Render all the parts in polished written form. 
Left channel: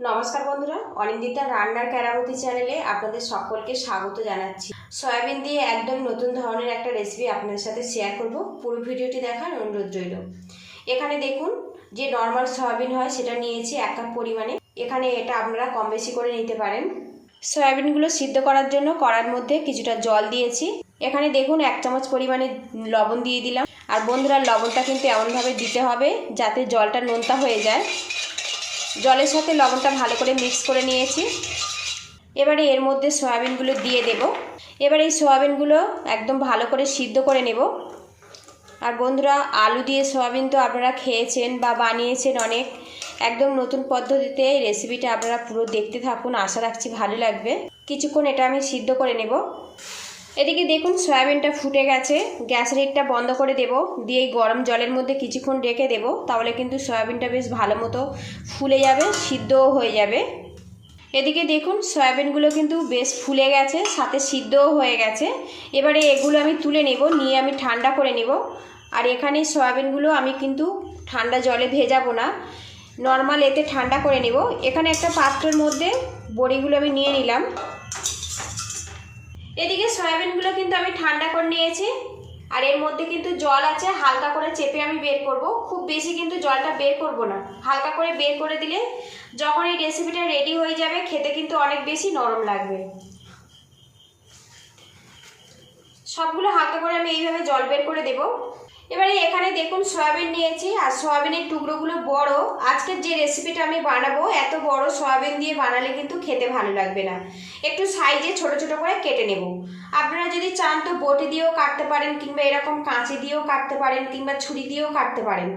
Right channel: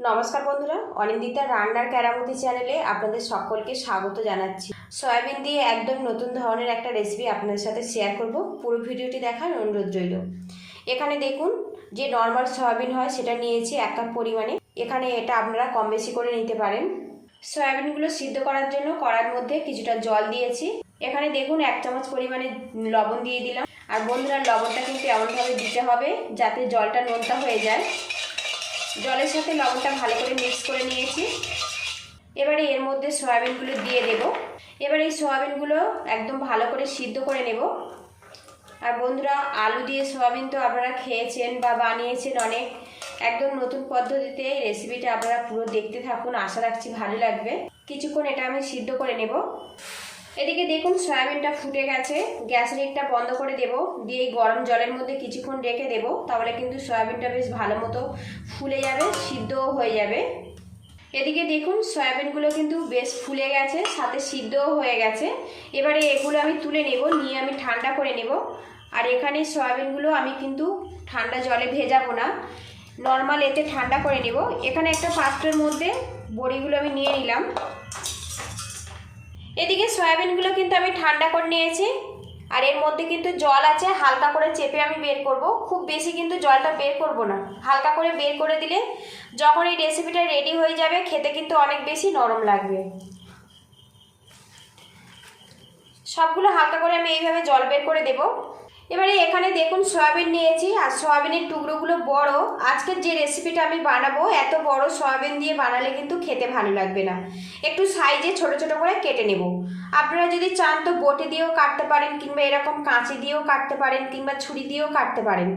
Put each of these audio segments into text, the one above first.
নমস্কার বন্ধুরা, অনিন্দিতা রান্নার কেরামতি চ্যানেলে আপনাদের সকলকে স্বাগত জানাচ্ছি। সয়াবিন দিয়ে একদম নতুন ধরনের একটা রেসিপি আপনাদের সাথে শেয়ার করব। পুরো ভিডিওটি দেখার অনুরোধ রইল। এখানে দেখুন, যে নর্মাল সয়াবিন হয় সেটা নিয়েছি 1 কাপ পরিমাণে। এখানে এটা আপনারা কম বেশি করে নিতে পারেন। সয়াবিনগুলো সিদ্ধ করার জন্য কড়ার মধ্যে কিছুটা জল দিয়েছি। এখানে দেখুন 1 চামচ পরিমাণে লবণ দিয়ে দিলাম। আর বন্ধুরা, লবণটা কিন্তু এমনভাবে দিতে হবে যাতে জলটা নোনতা হয়ে যায়। জলের সাথে লবণটা ভালো করে মিক্স করে নিয়েছি। এবারে এর মধ্যে সয়াবিনগুলো দিয়ে দেব। এবার এই সয়াবিনগুলো একদম ভালো করে সিদ্ধ করে নেব। আর বন্ধুরা, আলু দিয়ে সয়াবিন তো আপনারা খেয়েছেন বা বানিয়েছেন অনেক। একদম নতুন পদ্ধতিতে এই রেসিপিটা আপনারা পুরো দেখতে থাকুন, আশা রাখছি ভালো লাগবে। কিছুক্ষণ এটা আমি সিদ্ধ করে নেব। এদিকে দেখুন, সয়াবিনটা ফুটে গেছে। গ্যাসের হিটটা বন্ধ করে দেব, দিয়ে গরম জলের মধ্যে কিছুক্ষণ রেখে দেব। তাহলে কিন্তু সয়াবিনটা বেশ ভালো মতো ফুলে যাবে, সিদ্ধও হয়ে যাবে। এদিকে দেখুন, সয়াবিনগুলো কিন্তু বেশ ফুলে গেছে, সাথে সিদ্ধও হয়ে গেছে। এবারে এগুলো আমি তুলে নেব, নিয়ে আমি ঠান্ডা করে নেব। আর এখানে সয়াবিনগুলো আমি কিন্তু ঠান্ডা জলে ভেজাবো না, নর্মাল এতে ঠান্ডা করে নেব। এখানে একটা পাত্রের মধ্যে বড়িগুলো আমি নিয়ে নিলাম। এদিকে সয়াবিনগুলো কিন্তু আমি ঠান্ডা করে নিয়েছি। আর এর মধ্যে কিন্তু জল আছে, হালকা করে চেপে আমি বের করব। খুব বেশি কিন্তু জলটা বের করব না, হালকা করে বের করে দিলে যখন এই রেসিপিটা রেডি হয়ে যাবে খেতে কিন্তু অনেক বেশি নরম লাগবে। সবগুলো হালকা করে আমি এইভাবে জল বের করে দেব। এবারে এখানে দেখুন, সয়াবিন নিয়েছি। আর সয়াবিনের টুকরোগুলো বড়। আজকের যে রেসিপিটা আমি বানাবো, এত বড় সয়াবিন দিয়ে বানালে কিন্তু খেতে ভালো লাগবে না। একটু সাইজে ছোট ছোট করে কেটে নেব। আপনারা যদি চান তো বটি দিয়েও কাটতে পারেন, কিংবা এরকম কাঁচি দিয়েও কাটতে পারেন, কিংবা ছুরি দিয়েও কাটতে পারেন।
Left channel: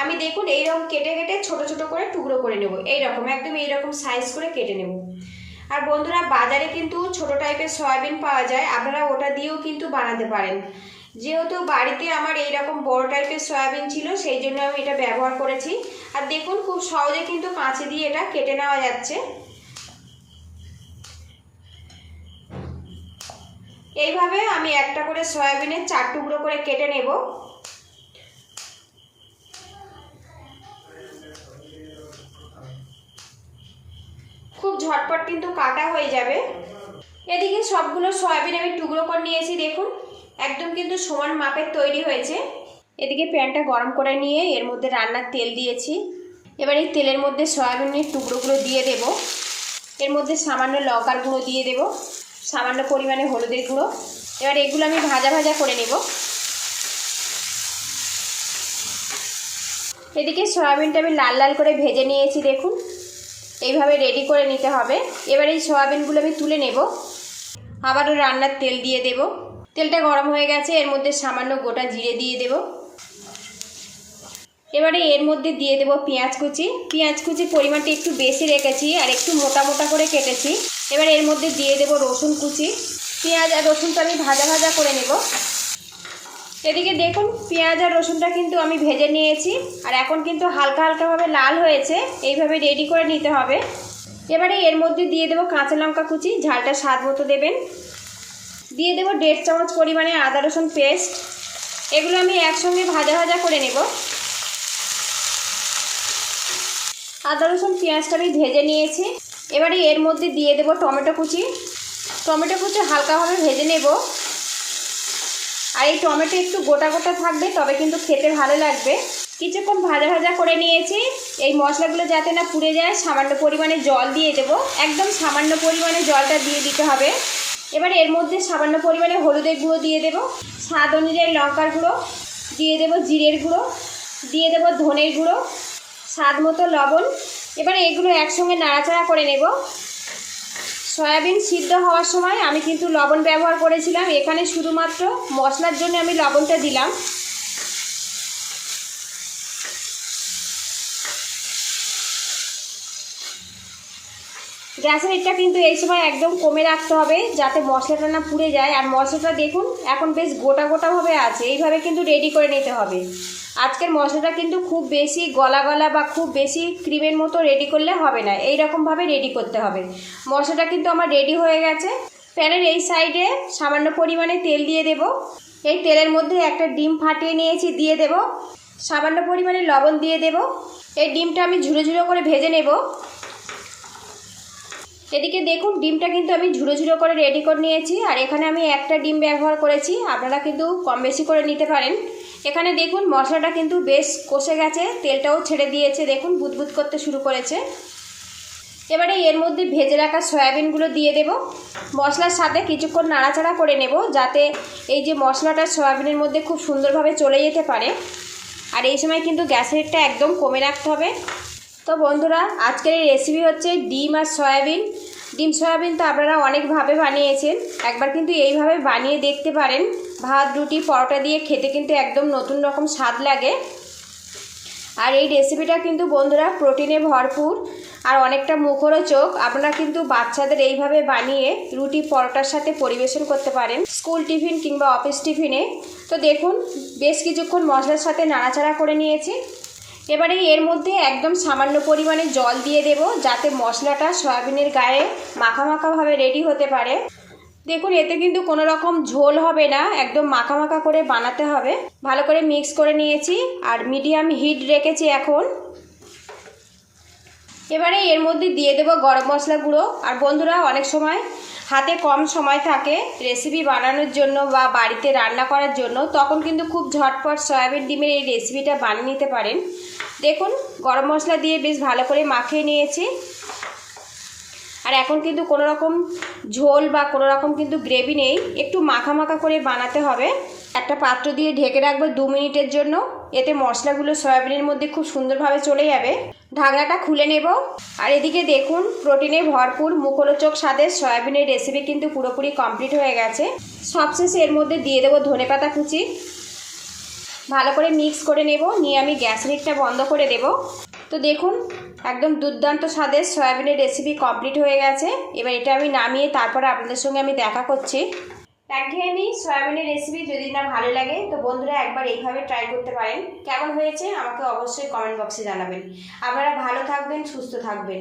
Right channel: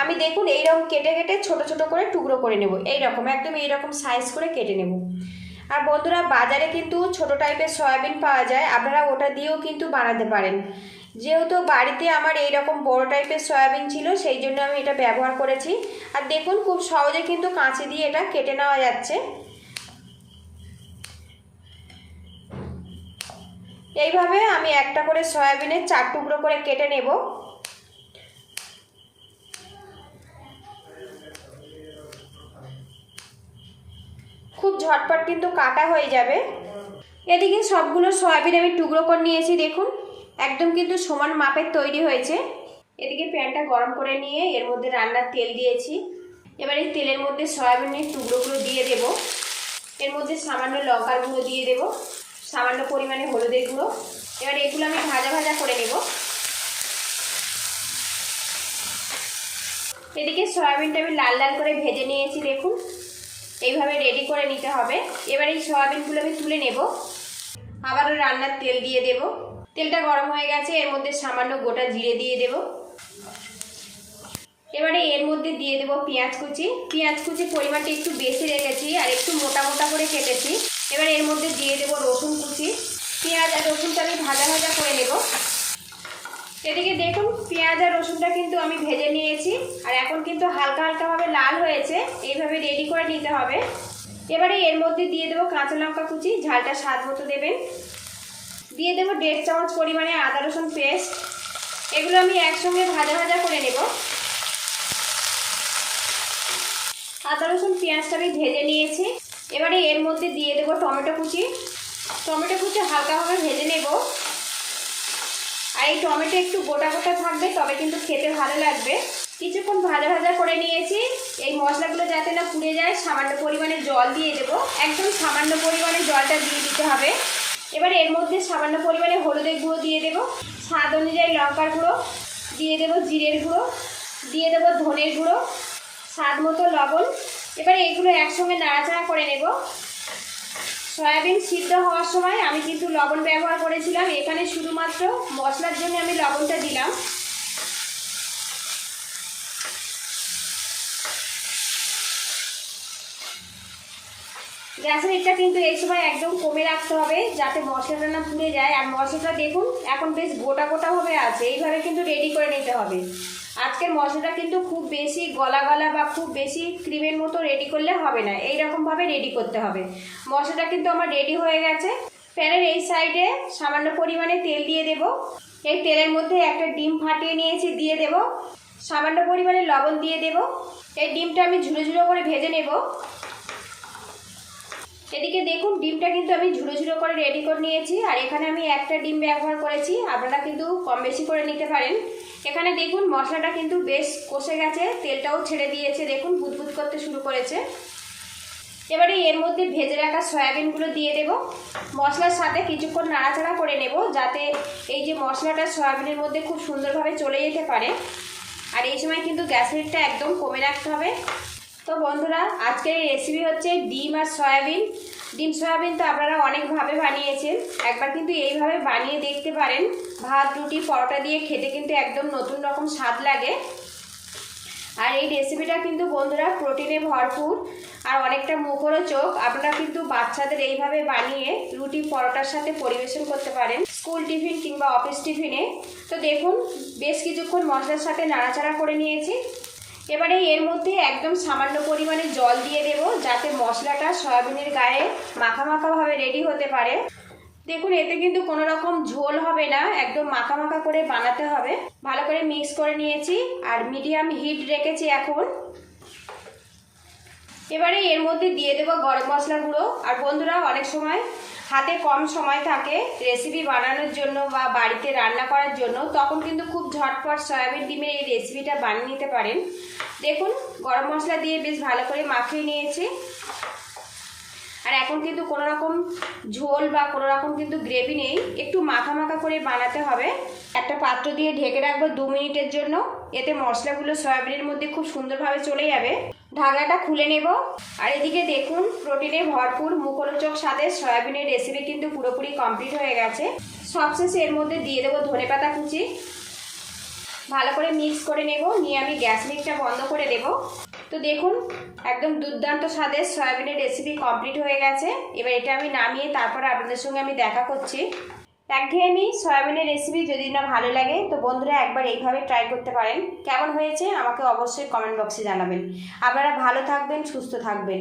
আমি দেখুন এইরকম কেটে কেটে ছোট ছোট করে টুকরো করে নেব। এইরকম একদম এইরকম সাইজ করে কেটে নেব। আর বন্ধুরা, বাজারে কিন্তু ছোট টাইপের সয়াবিন পাওয়া যায়, আপনারা ওটা দিয়েও কিন্তু বানাতে পারেন। যেহেতু বাড়িতে আমার এইরকম বড় টাইপের সয়াবিন ছিল, সেই জন্য আমি এটা ব্যবহার করেছি। আর দেখুন, খুব সহজে কিন্তু কাঁচি দিয়ে এটা কেটে নেওয়া যাচ্ছে। এইভাবে আমি একটা করে সয়াবিনের 4 টুকরো করে কেটে নেব। খুব ঝটপট কিন্তু কাটা হয়ে যাবে। এদিকে সবগুলো সয়াবিন আমি টুকরো করে নিয়েছি। দেখুন, একদম কিন্তু সমান মাপের তৈরি হয়েছে। এদিকে প্যানটা গরম করে নিয়ে এর মধ্যে রান্নার তেল দিয়েছি। এবার এই তেলের মধ্যে সয়াবিনের টুকরোগুলো দিয়ে দেব। এর মধ্যে সামান্য লঙ্কার গুঁড়ো দিয়ে দেব, সামান্য পরিমাণে হলুদের গুঁড়ো। এবার এগুলো আমি ভাজা ভাজা করে নেব। এদিকে সয়াবিনটা আমি লাল লাল করে ভেজে নিয়েছি। দেখুন, এইভাবে রেডি করে নিতে হবে। এবার এই সয়াবিনগুলো আমি তুলে নেব। আবারও রান্নার তেল দিয়ে দেব। তেলটা গরম হয়ে গেছে, এর মধ্যে সামান্য গোটা জিরে দিয়ে দেব। এবারে এর মধ্যে দিয়ে দেব পেঁয়াজ কুচি। পেঁয়াজ কুচি পরিমাণটা একটু বেশি রেখেছি আর একটু মোটা মোটা করে কেটেছি। এবার এর মধ্যে দিয়ে দেব রসুন কুচি। পেঁয়াজ আর রসুনটা আমি ভাজা ভাজা করে নেব। এদিকে দেখুন, পেঁয়াজ আর রসুনটা কিন্তু আমি ভেজে নিয়েছি। আর এখন কিন্তু হালকা হালকাভাবে লাল হয়েছে, এইভাবে রেডি করে নিতে হবে। এবারে এর মধ্যে দিয়ে দেব কাঁচা লঙ্কা কুচি, ঝালটা স্বাদ মতো দেবেন। দিয়ে দেব 1.5 চামচ পরিমাণে আদা রসুন পেস্ট। এগুলো আমি একসঙ্গে ভাজা ভাজা করে নেব। আদা রসুন পেঁয়াজটা আমি ভেজে নিয়েছি। এবারে এর মধ্যে দিয়ে দেব টমেটো কুচি। টমেটো কুচি হালকাভাবে ভেজে নেব। আর এই টমেটো একটু গোটা গোটা থাকবে, তবে কিন্তু খেতে ভালো লাগবে। কিছুক্ষণ ভাজা ভাজা করে নিয়েছি। এই মশলাগুলো যাতে না পুড়ে যায়, সামান্য পরিমাণে জল দিয়ে দেব। একদম সামান্য পরিমাণে জলটা দিয়ে দিতে হবে। এবারে এর মধ্যে সামান্য পরিমাণে হলুদের গুঁড়ো দিয়ে দেব, স্বাদ অনুযায়ী লঙ্কার গুঁড়ো দিয়ে দেব, জিরের গুঁড়ো দিয়ে দেব, ধনের গুঁড়ো, স্বাদ মতো লবণ। এবারে এগুলো একসঙ্গে নাড়াচাড়া করে নেব। সয়াবিন সিদ্ধ হওয়ার সময় আমি কিন্তু লবণ ব্যবহার করেছিলাম, এখানে শুধুমাত্র মশলার জন্য আমি লবণটা দিলাম। গ্যাসের হিটটা কিন্তু এই সময় একদম কমে রাখতে হবে, যাতে মশলাটা না পুড়ে যায়। আর মশলাটা দেখুন এখন বেশ গোটা গোটাভাবে আছে, এইভাবে কিন্তু রেডি করে নিতে হবে। আজকের মশলাটা কিন্তু খুব বেশি গলা গলা বা খুব বেশি ক্রিমের মতো রেডি করলে হবে না, এই রকমভাবে রেডি করতে হবে। মশলাটা কিন্তু আমার রেডি হয়ে গেছে। প্যানের এই সাইডে সামান্য পরিমাণে তেল দিয়ে দেব। এই তেলের মধ্যে একটা ডিম ফাটিয়ে নিয়েছি, দিয়ে দেব। সামান্য পরিমাণে লবণ দিয়ে দেব। এই ডিমটা আমি ঝুড়ো ঝুড়ো করে ভেজে নেব। এদিকে দেখুন ডিমটা কিন্তু আমি ঝুড়ো ঝুড়ো করে রেডি করে নিয়েছি, আর এখানে আমি একটা ডিম ব্যবহার করেছি, আপনারা কিন্তু কম বেশি করে নিতে পারেন। এখানে দেখুন মশলাটা কিন্তু বেশ কষে গেছে, তেলটাও ছেড়ে দিয়েছে, দেখুন বুদবুদ করতে শুরু করেছে। এবারে এর মধ্যে ভেজে রাখা সয়াবিনগুলো দিয়ে দেব, মশলার সাথে কিছুক্ষণ নাড়াচাড়া করে নেব যাতে এই যে মশলাটা সয়াবিনের মধ্যে খুব সুন্দরভাবে চলে যেতে পারে। আর এই সময় কিন্তু গ্যাসের হিটটা একদম কমে রাখতে হবে। তো বন্ধুরা, আজকের এই রেসিপি হচ্ছে ডিম আর সয়াবিন। ডিম সয়াবিন তো আপনারা অনেকভাবে বানিয়েছেন, একবার কিন্তু এইভাবে বানিয়ে দেখতে পারেন। ভাত, রুটি, পরোটা দিয়ে খেতে কিন্তু একদম নতুন রকম স্বাদ লাগে। আর এই রেসিপিটা কিন্তু বন্ধুরা প্রোটিনে ভরপুর আর অনেকটা মুখরোচক। আপনারা কিন্তু বাচ্চাদের এইভাবে বানিয়ে রুটি, পরোটার সাথে পরিবেশন করতে পারেন স্কুল টিফিন কিংবা অফিস টিফিনে। তো দেখুন বেশ কিছুক্ষণ মশলার সাথে নাড়াচাড়া করে নিয়েছি। এবারে এর মধ্যে একদম সামান্য পরিমাণে জল দিয়ে দেব যাতে মশলাটা সয়াবিনের গায়ে মাখা মাখাভাবে রেডি হতে পারে। দেখুন এতে কিন্তু কোনো রকম ঝোল হবে না, একদম মাখা মাখা করে বানাতে হবে। ভালো করে মিক্স করে নিয়েছি আর মিডিয়াম হিট রেখেছি এখন। এবারে এর মধ্যে দিয়ে দেব গরম মশলা গুঁড়ো। আর বন্ধুরা, অনেক সময় হাতে কম সময় থাকে রেসিপি বানানোর জন্য বা বাড়িতে রান্না করার জন্য, তখন কিন্তু খুব ঝটপট সয়াবিন ডিমের এই রেসিপিটা বানিয়ে নিতে পারেন। দেখুন গরম মশলা দিয়ে বেশ ভালো করে মাখিয়ে নিয়েছি। আর এখন কিন্তু কোনো রকম ঝোল বা কোনো রকম কিন্তু গ্রেভি নেই, একটু মাখা মাখা করে বানাতে হবে। একটা পাত্র দিয়ে ঢেকে রাখবো 2 মিনিটের জন্য, এতে মশলাগুলো সয়াবিনের মধ্যে খুব সুন্দরভাবে চলে যাবে। ঢাকনাটা খুলে নেব। আর এদিকে দেখুন প্রোটিনে ভরপুর মুখরোচক স্বাদের সয়াবিনের রেসিপি কিন্তু পুরোপুরি কমপ্লিট হয়ে গেছে। সবশেষে এর মধ্যে দিয়ে দেবো ধনেপাতা কুচি। ভালো করে মিক্স করে নেব, নিয়ে আমি গ্যাস লিডটা বন্ধ করে দেব। তো দেখুন একদম দুর্দান্ত স্বাদের সয়াবিনের রেসিপি কমপ্লিট হয়ে গেছে। এবার এটা আমি নামিয়ে তারপরে আপনাদের সঙ্গে আমি দেখা করছি। একঘেয়েমি সয়াবিনের রেসিপি যদি না ভালো লাগে তো বন্ধুরা একবার এইভাবে ট্রাই করতে পারেন। কেমন হয়েছে আমাকে অবশ্যই কমেন্ট বক্সে জানাবেন। আপনারা ভালো থাকবেন, সুস্থ থাকবেন।